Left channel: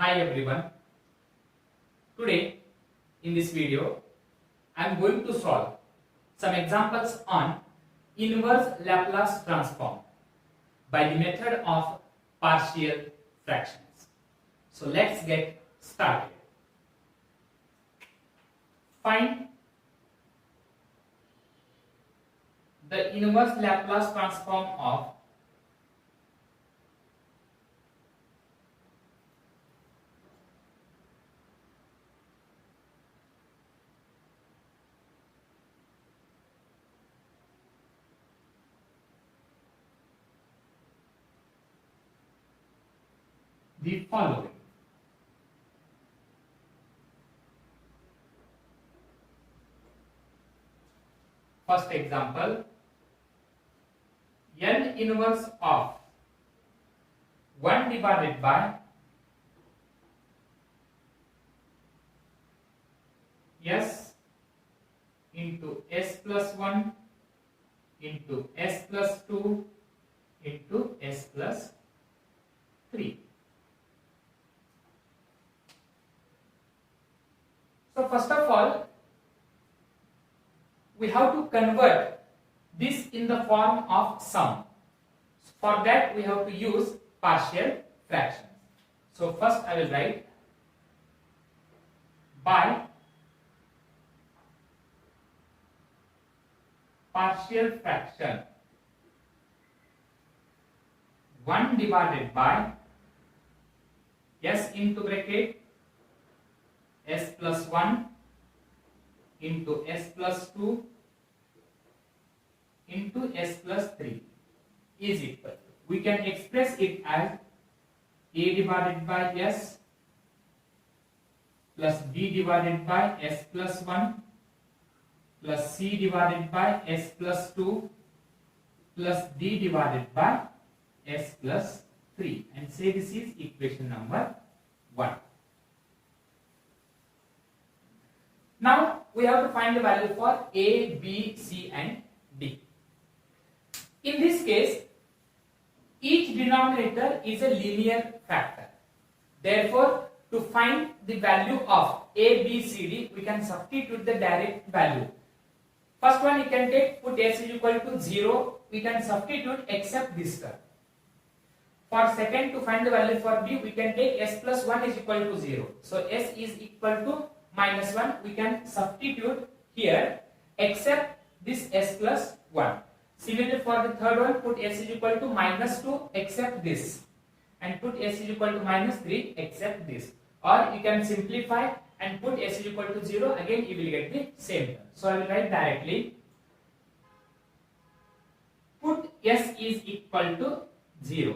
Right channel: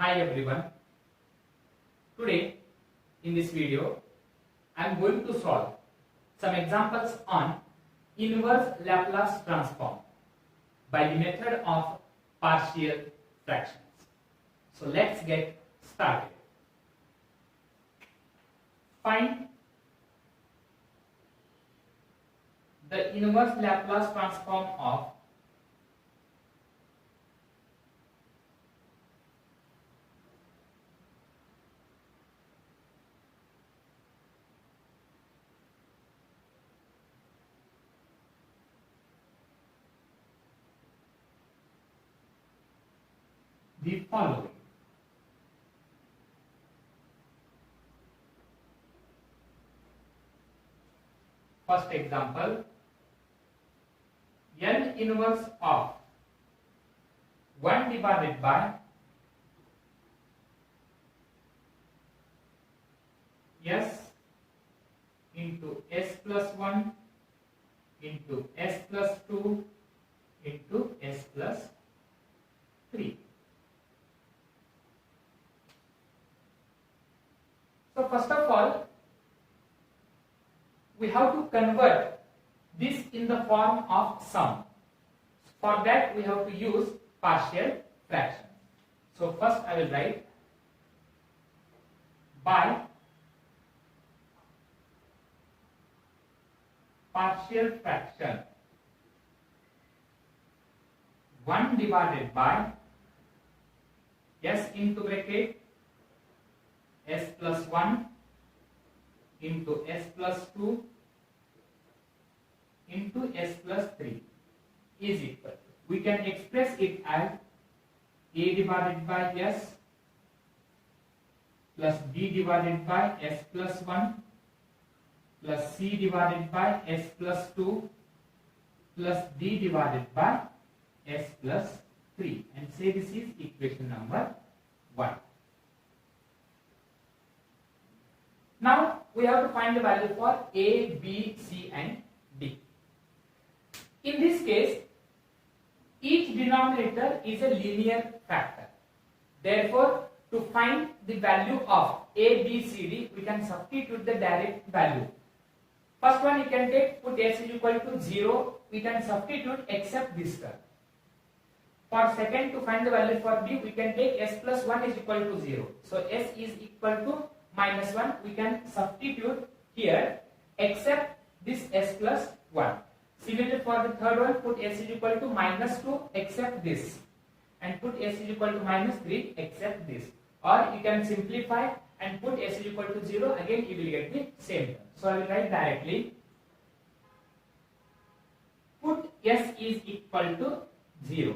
Hi everyone. Today in this video I am going to solve some examples on inverse Laplace transform by the method of partial fractions. So let's get started. Find the inverse Laplace transform of the following. First example, L inverse of 1 divided by S into S plus 1 into S plus 2 into S plus 3. So first of all, we have to convert this in the form of sum. For that we have to use partial fractions. So first I will write by partial fraction 1 divided by S into bracket S plus 1 into S plus 2 into S plus 3 is equal. We can express it as A divided by S plus B divided by S plus 1 plus C divided by S plus 2 plus D divided by S plus 3, and say this is equation number 1. Now we have to find the value for A, B, C and D. In this case, each denominator is a linear factor. Therefore, to find the value of A, B, C, D, we can substitute the direct value. First one you can take, put S is equal to 0, we can substitute except this term. For second, to find the value for B, we can take S plus 1 is equal to 0. So S is equal to minus 1, we can substitute here except this S plus 1. Similarly for the third one, put S is equal to minus 2 except this, and put S is equal to minus 3 except this. Or you can simplify and put S is equal to 0, again you will get the same term. So I will write directly, put S is equal to 0.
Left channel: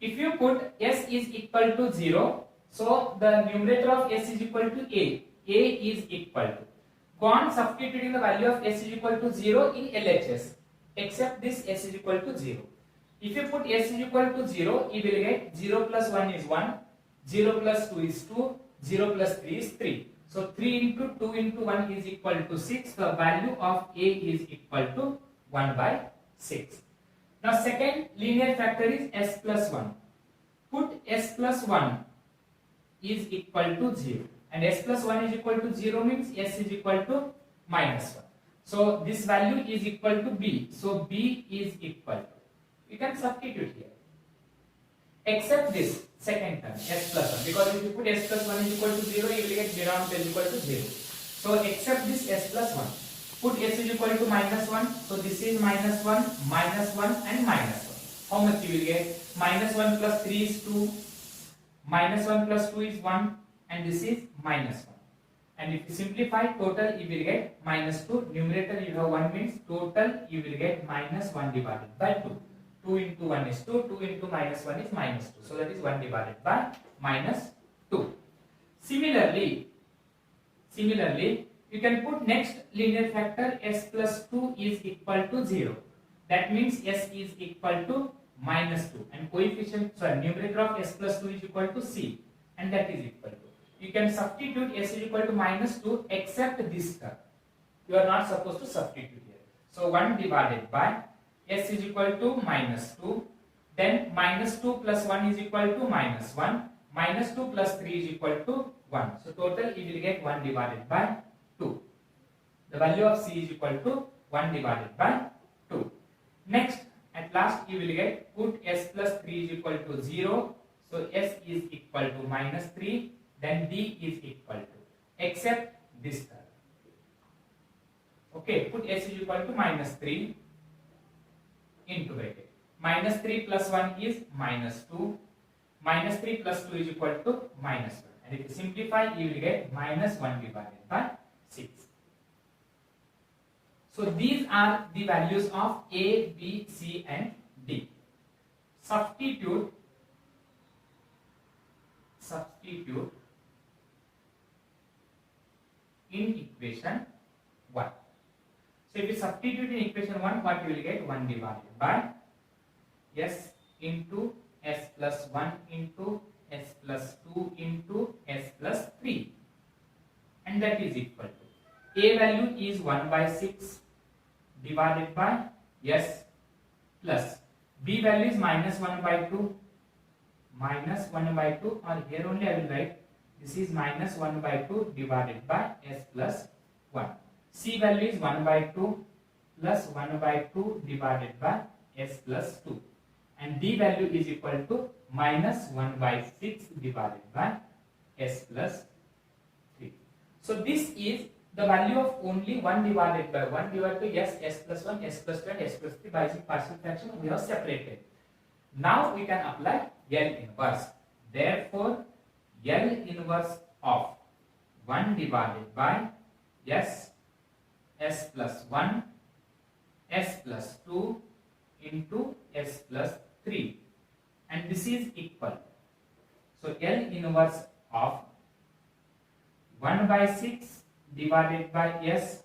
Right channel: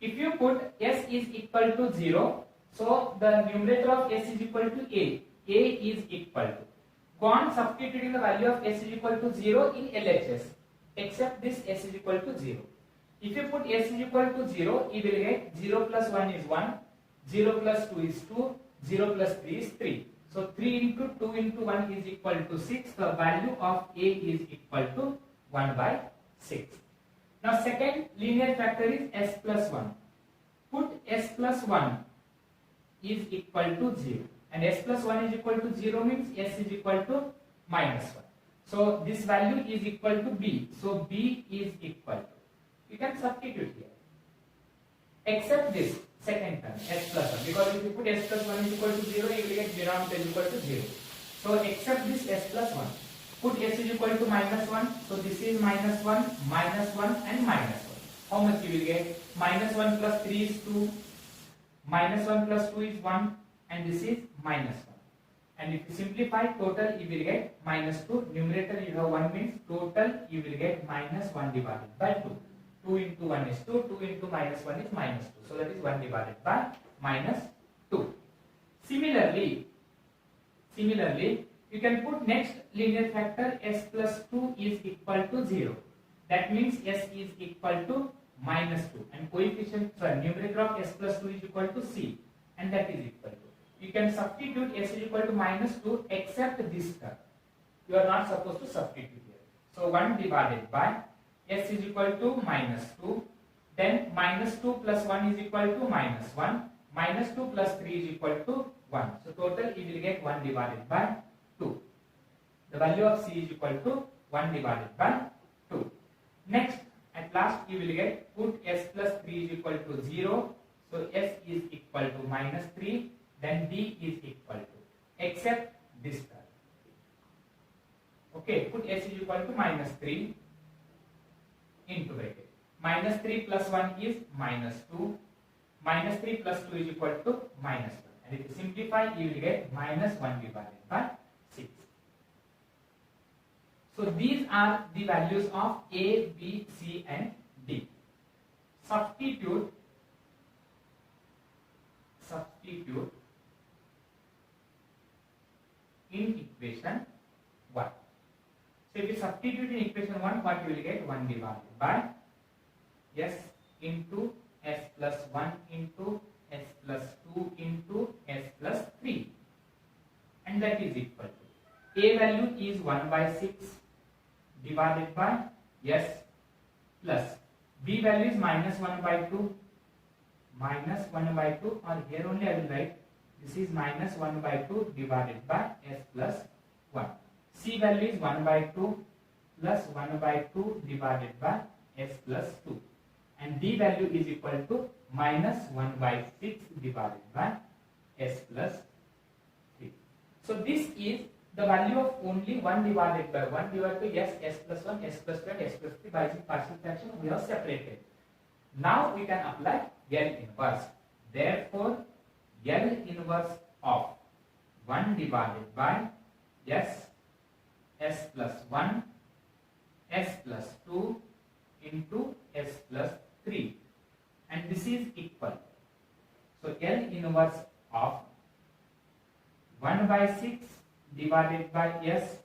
If you put S is equal to 0, so the numerator of S is equal to A. A is equal to. Go on substituting the value of S is equal to 0 in LHS, except this S is equal to 0. If you put S is equal to 0, you will get 0 plus 1 is 1, 0 plus 2 is 2, 0 plus 3 is 3. So 3 into 2 into 1 is equal to 6. The value of A is equal to 1 by 6. Now second linear factor is S plus 1. Put S plus 1 is equal to 0, and S plus 1 is equal to 0 means S is equal to minus 1. So this value is equal to B. So B is equal to, you can substitute here except this second term S plus 1, because if you put S plus 1 is equal to 0, you will get denominator is equal to 0. So except this S plus 1, put S is equal to minus 1, so this is minus 1 and minus 1. How much you will get? Minus 1 plus 3 is 2, minus 1 plus 2 is 1, and this is minus 1. And if you simplify, total you will get minus 2. Numerator you have 1 means total you will get minus 1 divided by 2. 2 into 1 is 2, 2 into minus 1 is minus 2. So that is 1 divided by minus 2. Similarly, you can put next linear factor S plus 2 is equal to 0. That means S is equal to minus 2, and coefficient, numerator of S plus 2 is equal to C, and that is equal to. You can substitute S is equal to minus 2 except this term. You are not supposed to substitute here. So 1 divided by S is equal to minus 2. then minus 2 plus 1 is equal to minus 1, minus 2 plus 3 is equal to 1. So total you will get 1 divided by 2. The value of C is equal to 1 divided by 2. Next, at last you will get put S plus 3 is equal to 0. So S is equal to minus 3, then D is equal to, except this term. Okay, put S is equal to minus 3 into bracket. Minus 3 plus 1 is minus 2. Minus 3 plus 2 is equal to minus 1. And if you simplify, you will get minus 1 divided by 6. So these are the values of A, B, C and D. Substitute in equation 1. So if you substitute in equation 1, what you will get? 1 divided by S into S plus 1 into S plus 2 into S plus 3. And that is equal to, A value is 1 by 6 divided by S plus, B value is minus 1 by 2, minus 1 by 2, or here only I will write, this is minus 1 by 2 divided by S plus 1. C value is 1 by 2 plus 1 by 2 divided by S plus 2. And D value is equal to minus 1 by 6 divided by S plus 3. So this is the value of only 1 divided by 1 divided by S plus 1, S plus 2 and S plus 3 by partial fraction we have separated. Now we can apply L inverse. Therefore, L inverse of 1 divided by S plus 1, S plus 2 into S plus 3, and this is equal. So L inverse of 1 by 6 divided by S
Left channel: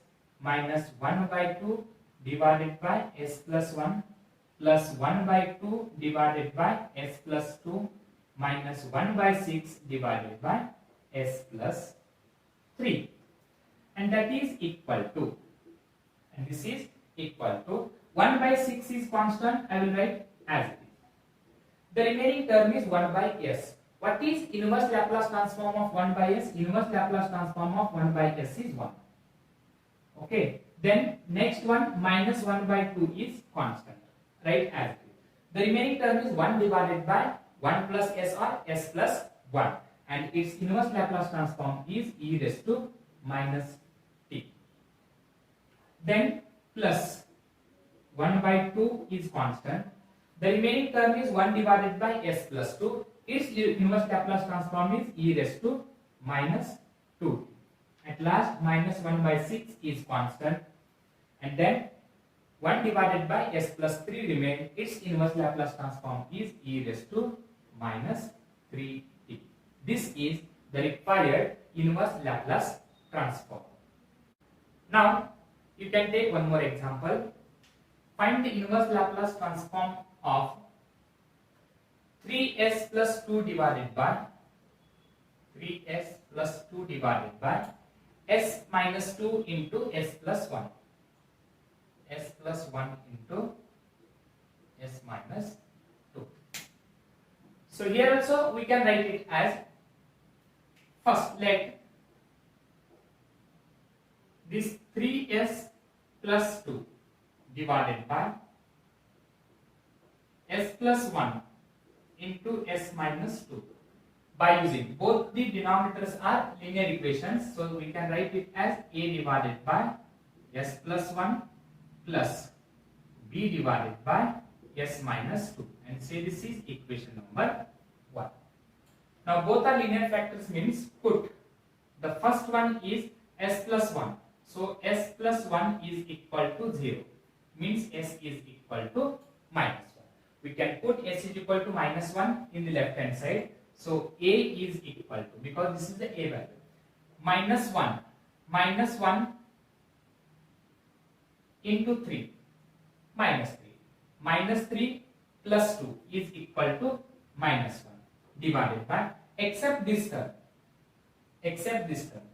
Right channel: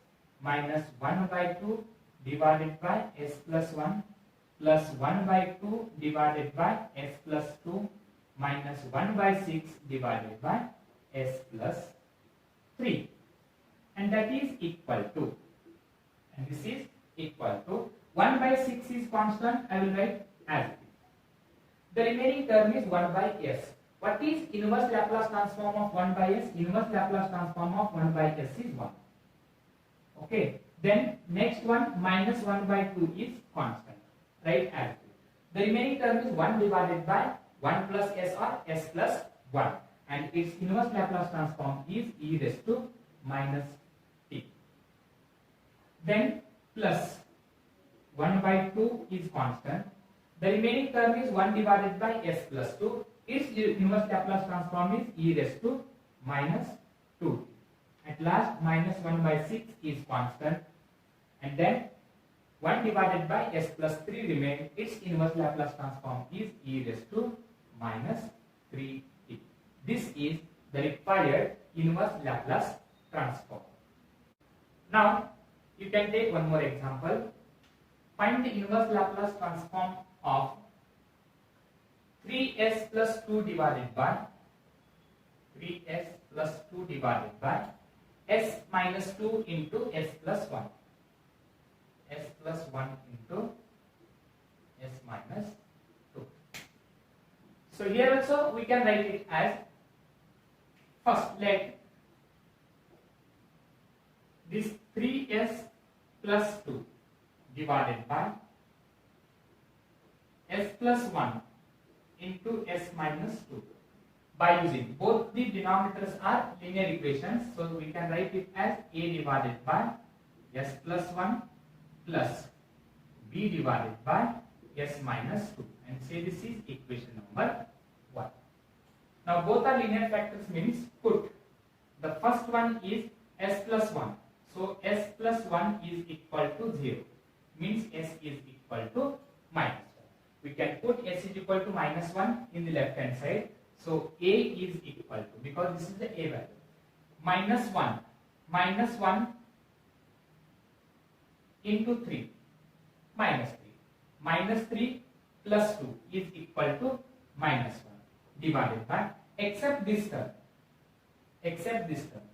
minus 1 by 2 divided by S plus 1 plus 1 by 2 divided by S plus 2 minus 1 by 6 divided by S plus 3, and that is equal to, and this is equal to 1 by 6 is constant, I will write as it is. The remaining term is 1 by S. What is inverse Laplace transform of 1 by S? Inverse Laplace transform of 1 by S is 1. Okay. Then next one, minus 1 by 2 is constant. Right as it is. The remaining term is 1 divided by 1 plus S or S plus 1. And its inverse Laplace transform is e raised to minus t. Then plus 1 by 2 is constant. The remaining term is 1 divided by S plus 2. Its inverse Laplace transform is e raised to minus 2. At last, minus 1 by 6 is constant. And then 1 divided by S plus 3 remains. Its inverse Laplace transform is e raised to minus 3t. This is the required inverse Laplace transform. Now, you can take one more example. Find the inverse Laplace transform of 3s plus 2 divided by 3s plus 2 divided by s minus 2 into s plus 1. S plus 1 into s minus 2. So here also we can write it as, first let this 3s plus 2 divided by s plus 1 into s minus 2 by using both the denominators are linear equations, so we can write it as a divided by s plus 1 plus b divided by s minus 2, and say this is equation number 1. Now both are linear factors means put the first one is s plus 1, so s plus 1 is equal to 0, means s is equal to minus 1. We can put s is equal to minus 1 in the left hand side, so a is equal to, because this is the a value, minus 1 into 3 minus 3, minus 3 plus 2 is equal to minus 1 divided by, except this term,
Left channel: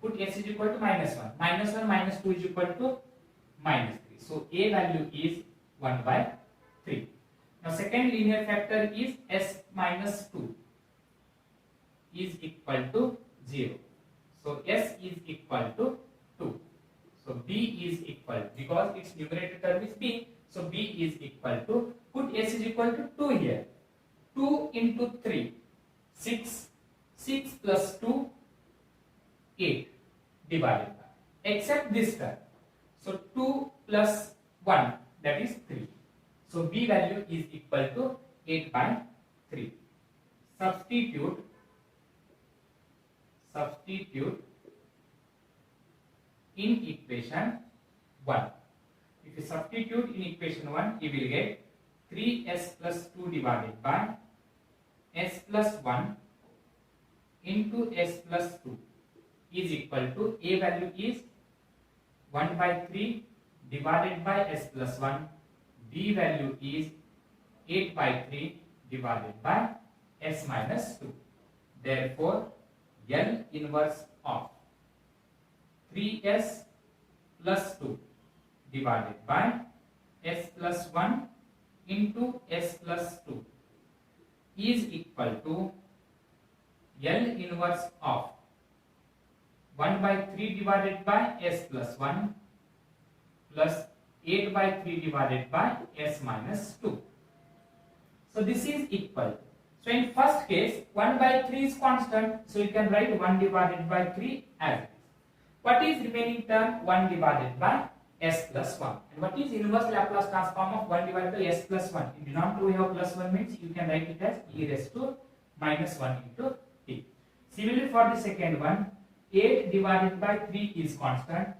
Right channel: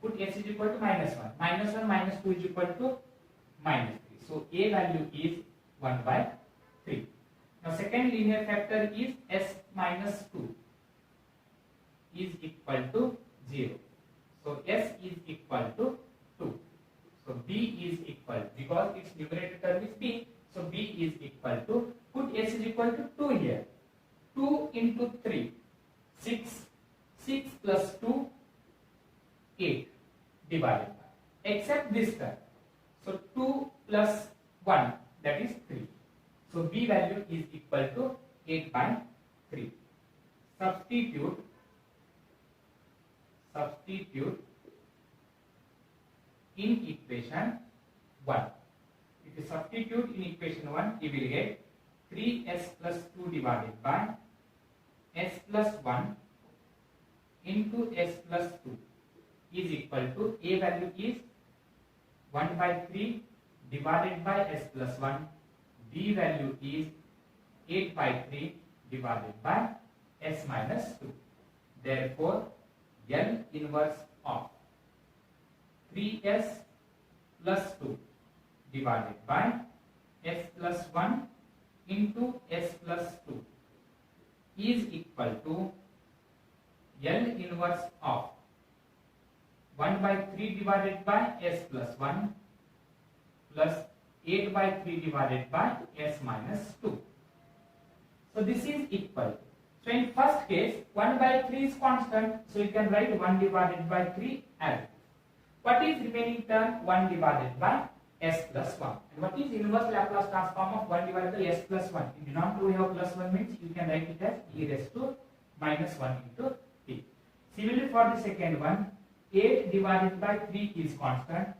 put s is equal to minus 1, minus 1 minus 2 is equal to minus 3, so a value is 1 by 3. Now second linear factor is s minus 2 is equal to 0. So s is equal to 2. So b is equal, because its numerator term is b, so b is equal to, put s is equal to 2 here. 2 into 3, 6. 6 plus 2, 8 divided by, except this term. So 2 plus 1, that is 3. So b value is equal to 8 by 3. Substitute in equation 1. If you substitute in equation 1, you will get 3s plus 2 divided by s plus 1 into s plus 2 is equal to, a value is 1 by 3 divided by s plus 1, b value is 8 by 3 divided by s minus 2. Therefore, L inverse of 3s plus 2 divided by s plus 1 into s plus 2 is equal to L inverse of 1 by 3 divided by s plus 1 plus 8 by 3 divided by s minus 2. So this is equal. So in first case, 1 by 3 is constant, so you can write 1 divided by 3 as it is. What is remaining term? 1 divided by s plus 1. And what is inverse Laplace transform of 1 divided by s plus 1? In denominator we have plus 1, means you can write it as e raised to minus 1 into t. Similarly for the second one, 8 divided by 3 is constant.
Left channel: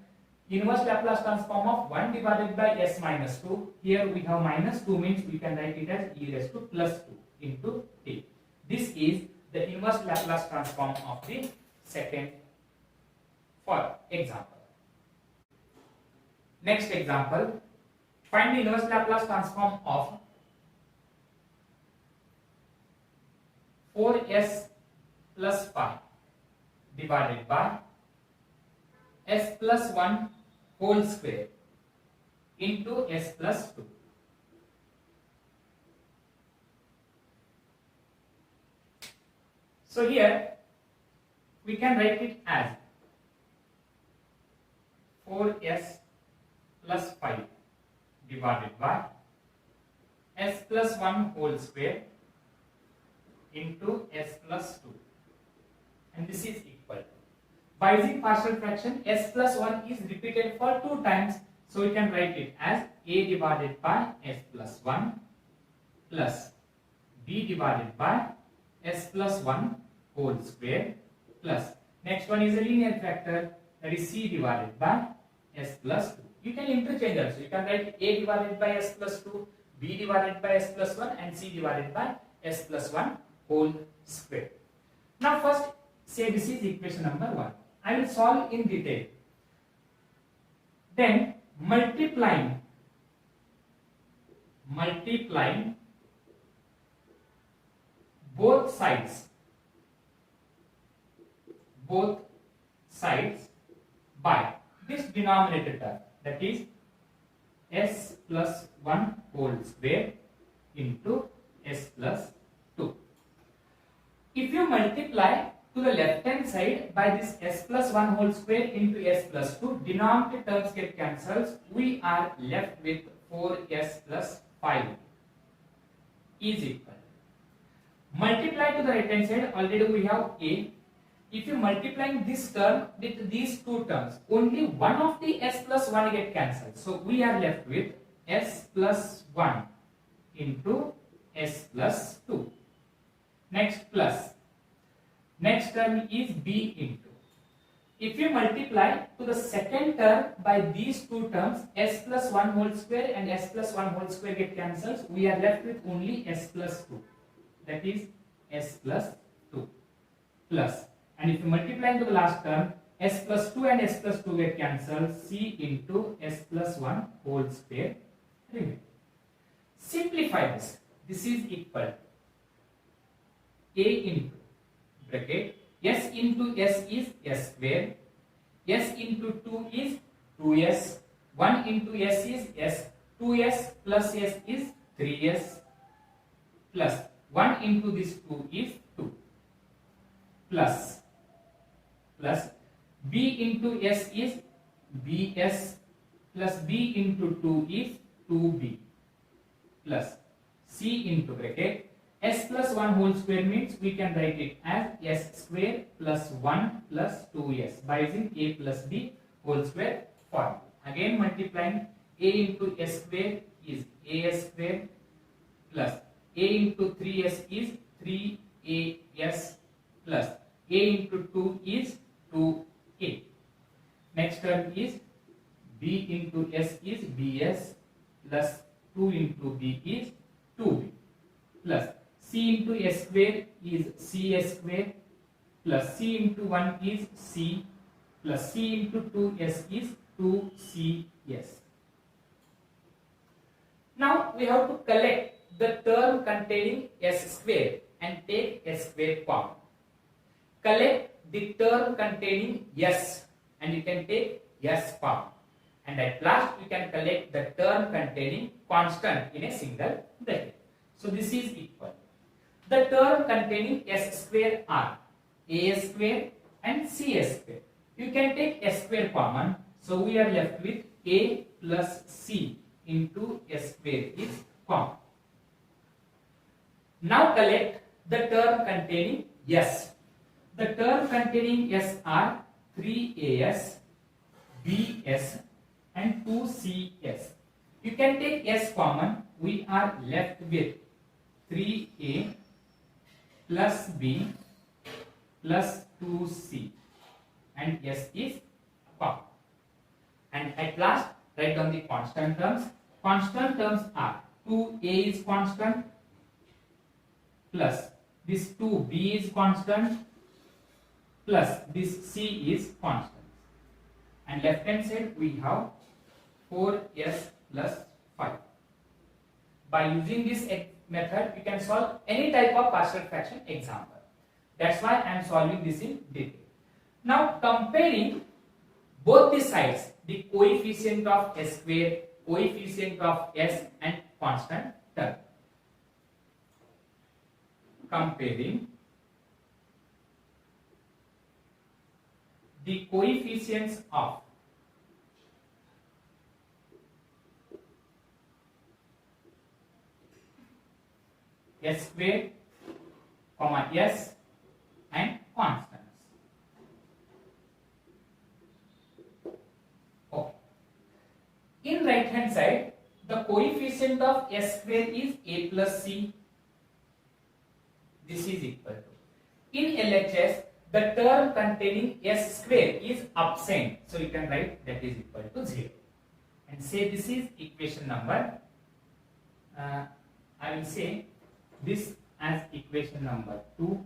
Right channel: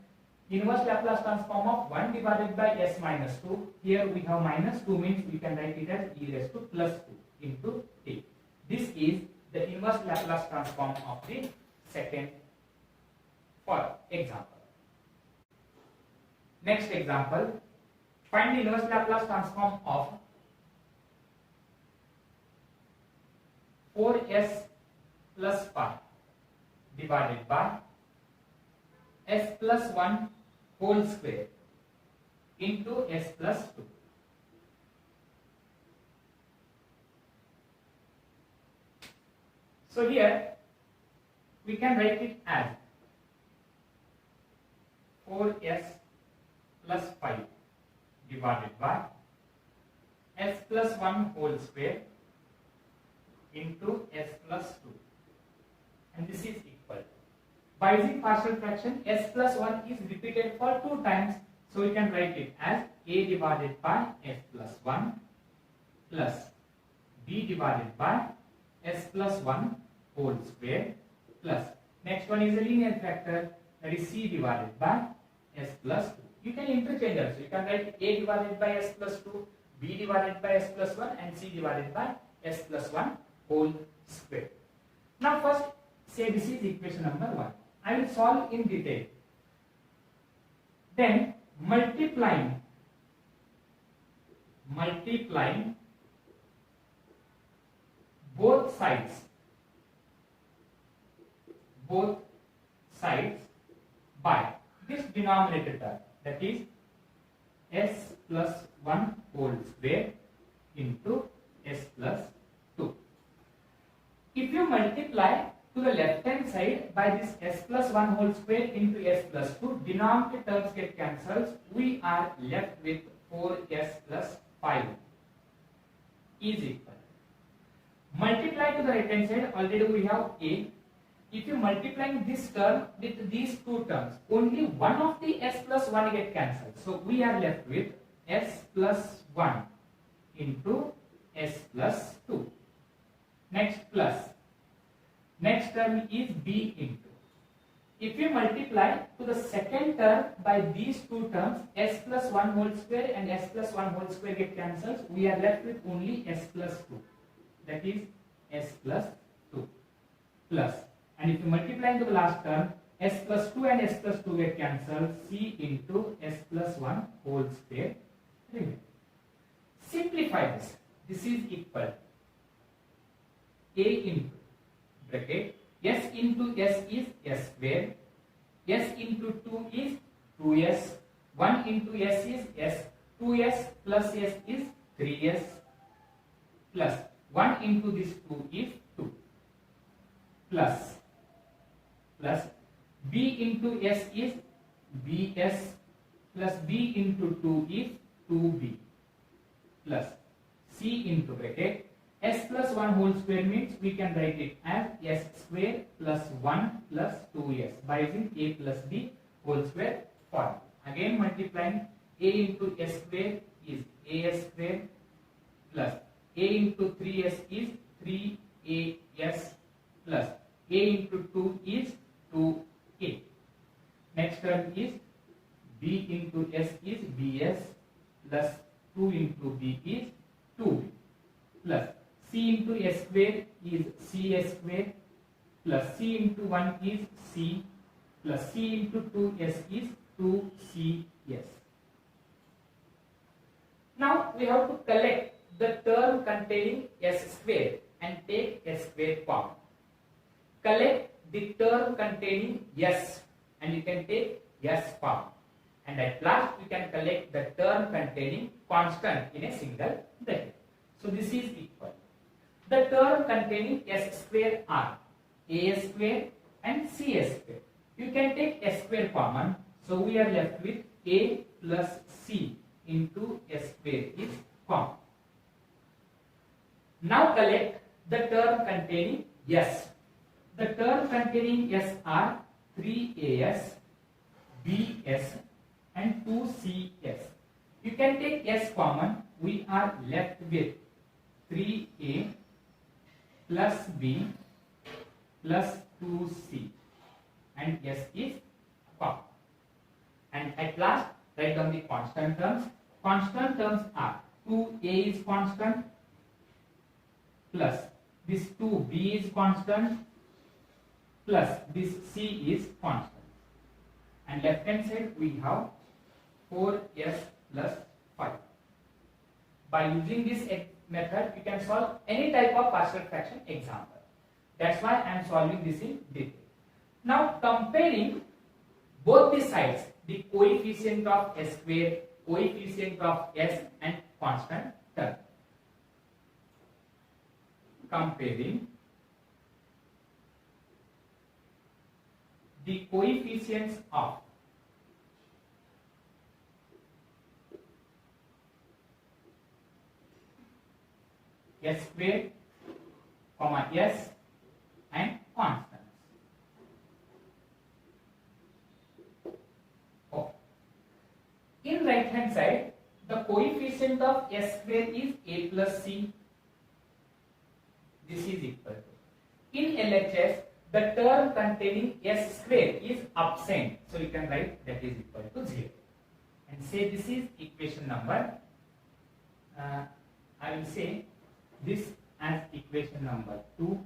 Inverse Laplace transform of 1 divided by s minus 2. Here we have minus 2, means we can write it as e raised to plus 2 into t. This is the inverse Laplace transform of the second for example. Next example, find the inverse Laplace transform of 4s plus 5 divided by s plus 1 whole square into s plus 2. So here we can write it as 4s plus 5 divided by s plus 1 whole square into s plus 2, and this is equal. By using partial fraction, s plus 1 is repeated for 2 times, so we can write it as a divided by s plus 1 plus b divided by s plus 1 whole square plus, next one is a linear factor, that is c divided by s plus 2. You can interchange also. You can write a divided by s plus 2, b divided by s plus 1, and c divided by s plus 1 whole square. Now first say this is equation number 1. I will solve in detail. Then multiplying both sides by this denominator term, that is s plus 1 whole square into s plus 2. If you multiply to the left hand side by this s plus 1 whole square into s plus 2, denominator terms get cancelled. We are left with 4s plus 5 is equal. Multiply to the right hand side, already we have a. If you multiply this term with these two terms, only one of the s plus 1 get cancelled. So we are left with s plus 1 into s plus 2. Next plus. Next term is b into. If you multiply to the second term by these two terms, s plus 1 whole square and s plus 1 whole square get cancelled. We are left with only s plus 2. That is s plus 2 plus. And if you multiply into the last term, s plus 2 and s plus 2 get cancelled, c into s plus 1 whole square. Simplify this. This is equal a into bracket s into s is s square, s into 2 is 2s, 1 into s is s, 2s plus s is 3s, plus 1 into this 2 is 2 plus b into s is bs plus b into 2 is 2b plus c into bracket s plus 1 whole square means we can write it as s square plus 1 plus 2s by using a plus b whole square form. Again multiplying a into s square is as square plus a into 3s is 3as plus a into 2 is 2a. Next term is b into s is bs plus 2 into b is 2b plus c into s square is cs square plus c into 1 is c plus c into 2s is 2cs. Now we have to collect the term containing s square and take s square form. Collect the term containing s and you can take s form. And at last you can collect the term containing constant in a single bracket. So this is equal. The term containing s square are a square and cs square. You can take s square common. So we are left with a plus c into s square is common. Now collect the term containing s. The term containing s are 3as, bs and 2cs. You can take s common. We are left with 3a plus b plus 2c and s is common. And at last write down the constant terms. Constant terms are 2a is constant plus this 2b is constant plus this c is constant. And left hand side we have 4s plus 5. By using this method you can solve any type of partial fraction example. That's why I am solving this in detail. Now comparing both the sides, the coefficient of s square, coefficient of s and constant term. Comparing the coefficients of s square, s and constants. In right hand side, the coefficient of s square is a plus c. This is equal to. In LHS, the term containing s square is absent. So you can write that is equal to 0. And say this is equation number. I will say this as equation number 2.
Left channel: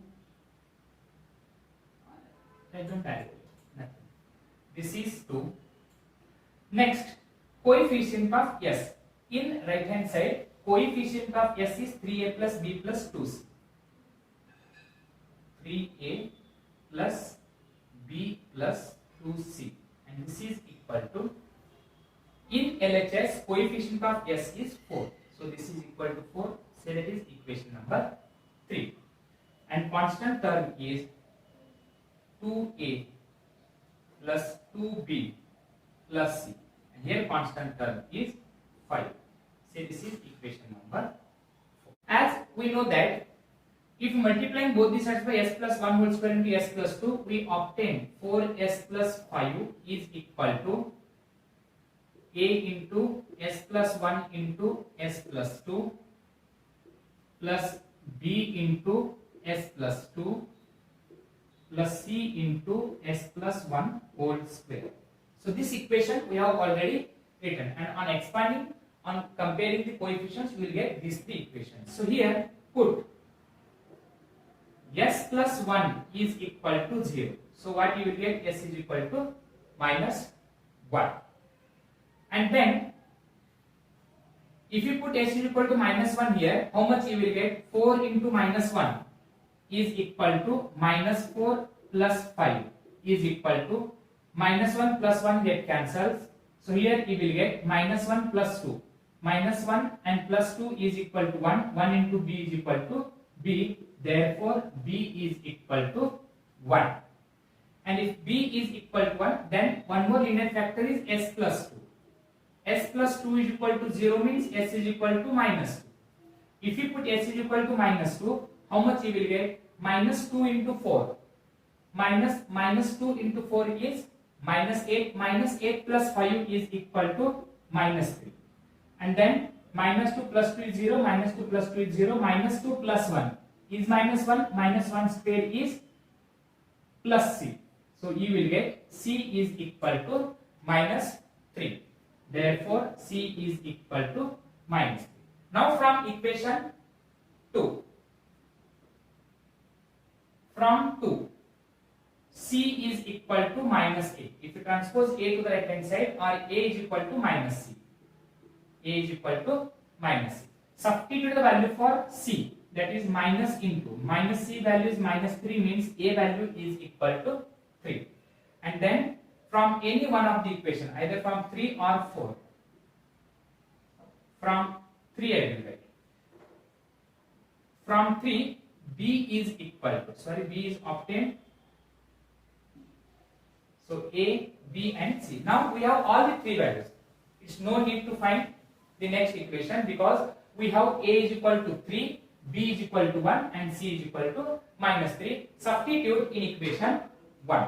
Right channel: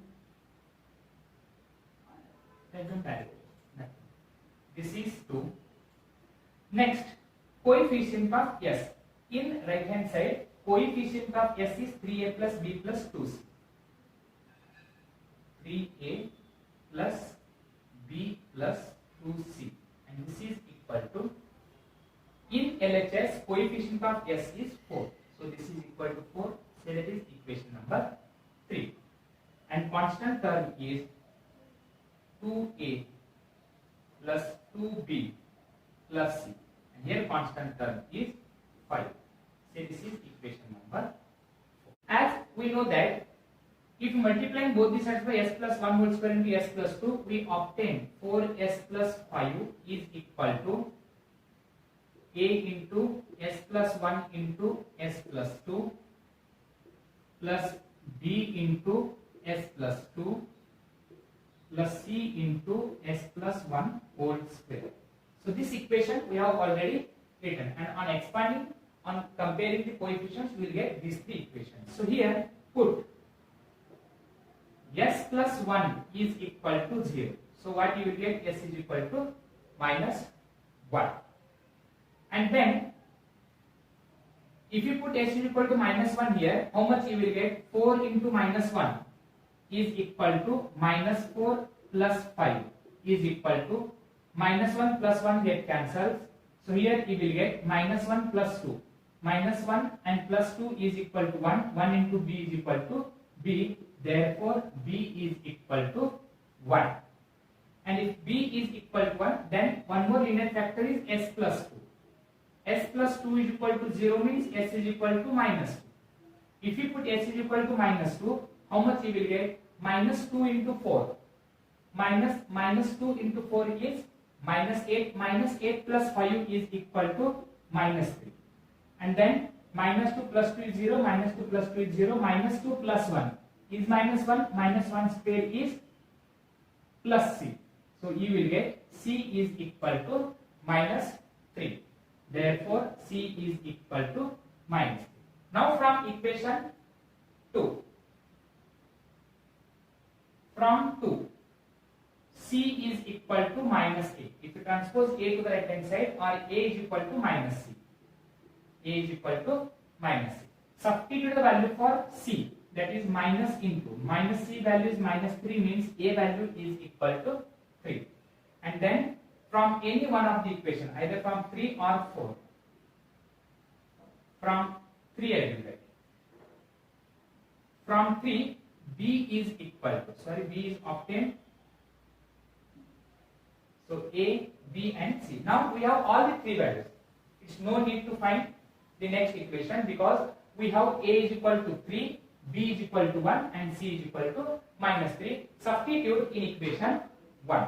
I don't add nothing. This is 2. Next, coefficient of s. In right hand side, coefficient of s is 3a plus b plus 2c. 3a plus b plus 2c. And this is equal to. In LHS, coefficient of s is 4. So this is equal to 4. So that is equation number 3. And constant term is 2a plus 2b plus c. And here constant term is 5. So this is equation number 4. As we know that if multiplying both the sides by s plus 1 whole square into s plus 2, we obtain 4s plus 5 is equal to a into s plus 1 into s plus 2 plus b into s plus 2 plus c into s plus 1 whole square. So this equation we have already written, and on expanding, on comparing the coefficients, we will get these three equations. So here put s plus 1 is equal to 0. So what you will get, s is equal to minus 1. And then if you put s is equal to minus 1 here, how much you will get? 4 into minus 1 is equal to minus 4 plus 5 is equal to minus 1 plus 1 get cancels. So here you will get minus 1 plus 2. minus 1 and plus 2 is equal to 1. 1 into b is equal to b. Therefore, b is equal to 1. And if b is equal to 1, then one more linear factor is s plus 2. S plus 2 is equal to 0 means s is equal to minus 2. If you put s is equal to minus 2, how much you will get? Minus 2 into 4. Minus 2 into 4 is minus 8. Minus 8 plus 5 is equal to minus 3. And then minus 2 plus 2 is 0. Minus 2 plus 2 is 0. Minus 2 plus 1 is minus 1. Minus 1 square is plus c. So you will get c is equal to minus 3. Therefore, c is equal to minus 3. Now from equation 2. From 2, c is equal to minus a. If you transpose a to the right hand side, or a is equal to minus c. A is equal to minus c. Substitute the value for c, that is minus into. Minus c value is minus 3 means a value is equal to 3. And then from any one of the equation, either from 3 or 4. From 3 I will write. From 3, b is equal to, b is obtained. So a, b and c. Now we have all the three values. It's no need to find the next equation because we have a is equal to 3, b is equal to 1 and c is equal to minus 3. Substitute in equation 1.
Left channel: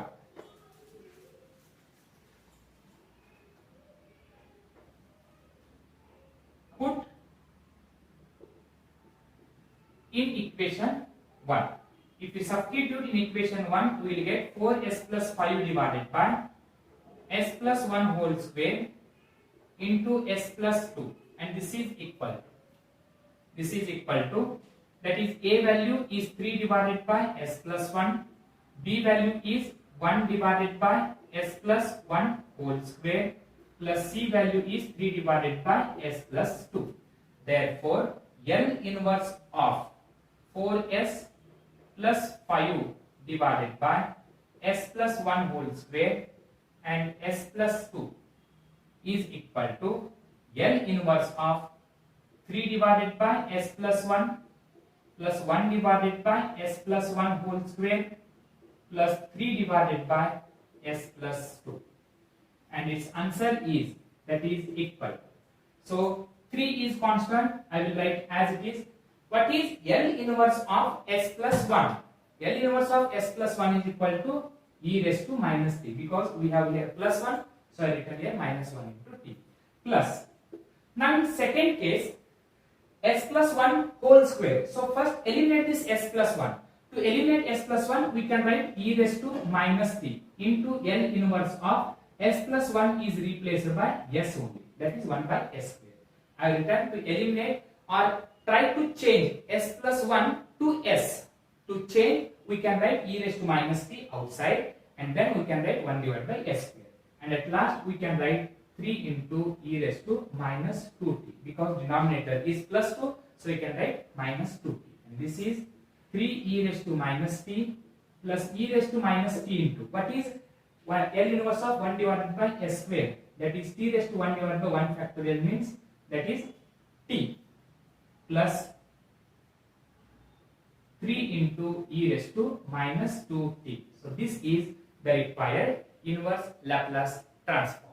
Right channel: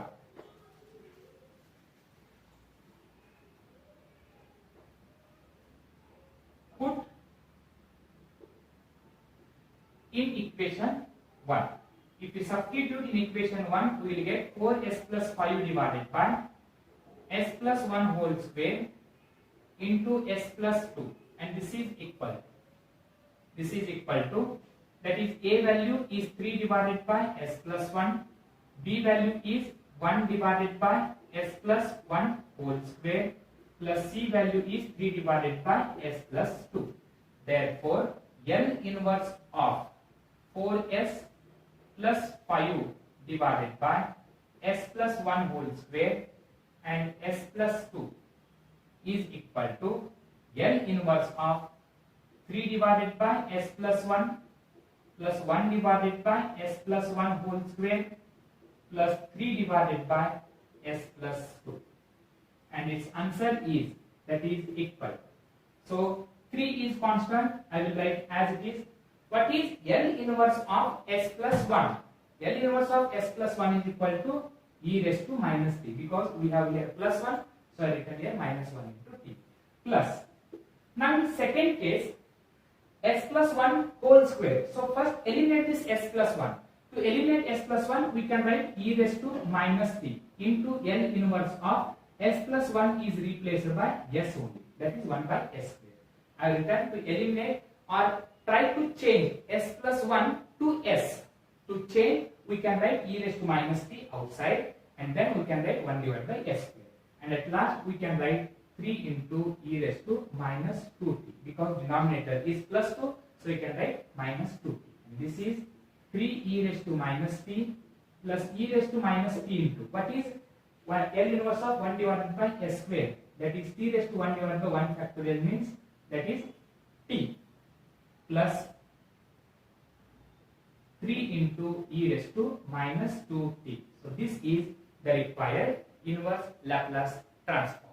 Put in equation 1. If we substitute in equation 1, we will get 4s plus 5 divided by s plus 1 whole square into s plus 2, and this is equal to, that is a value is 3 divided by s plus 1, b value is 1 divided by s plus 1 whole square, plus c value is 3 divided by s plus 2. Therefore, L inverse of 4s plus 5 divided by s plus 1 whole square and s plus 2 is equal to L inverse of 3 divided by s plus 1 plus 1 divided by s plus 1 whole square plus 3 divided by s plus 2. And its answer is, that is equal. So 3 is constant, I will write as it is. What is L inverse of s plus 1? L inverse of s plus 1 is equal to e raised to minus 3 because we have here plus 1, so I written here minus 1 into t plus. Now in second case, s plus 1 whole square. So first eliminate this s plus 1. To eliminate s plus 1, we can write e raised to minus 3 into L inverse of s plus 1 is replaced by s only. That is 1 by s square. I will try to eliminate or try to change s plus 1 to s. To change, we can write e raised to minus 3 outside, and then we can write 1 divided by s square. And at last, we can write 3 into e raised to minus 2t because denominator is plus 2, so we can write minus 2t. And this is 3 e raised to minus t plus e raised to minus t into what is L inverse of 1 divided by s square, that is t raised to 1 divided by 1 factorial means that is t plus 3 into e raised to minus 2t. So this is the required inverse Laplace transform.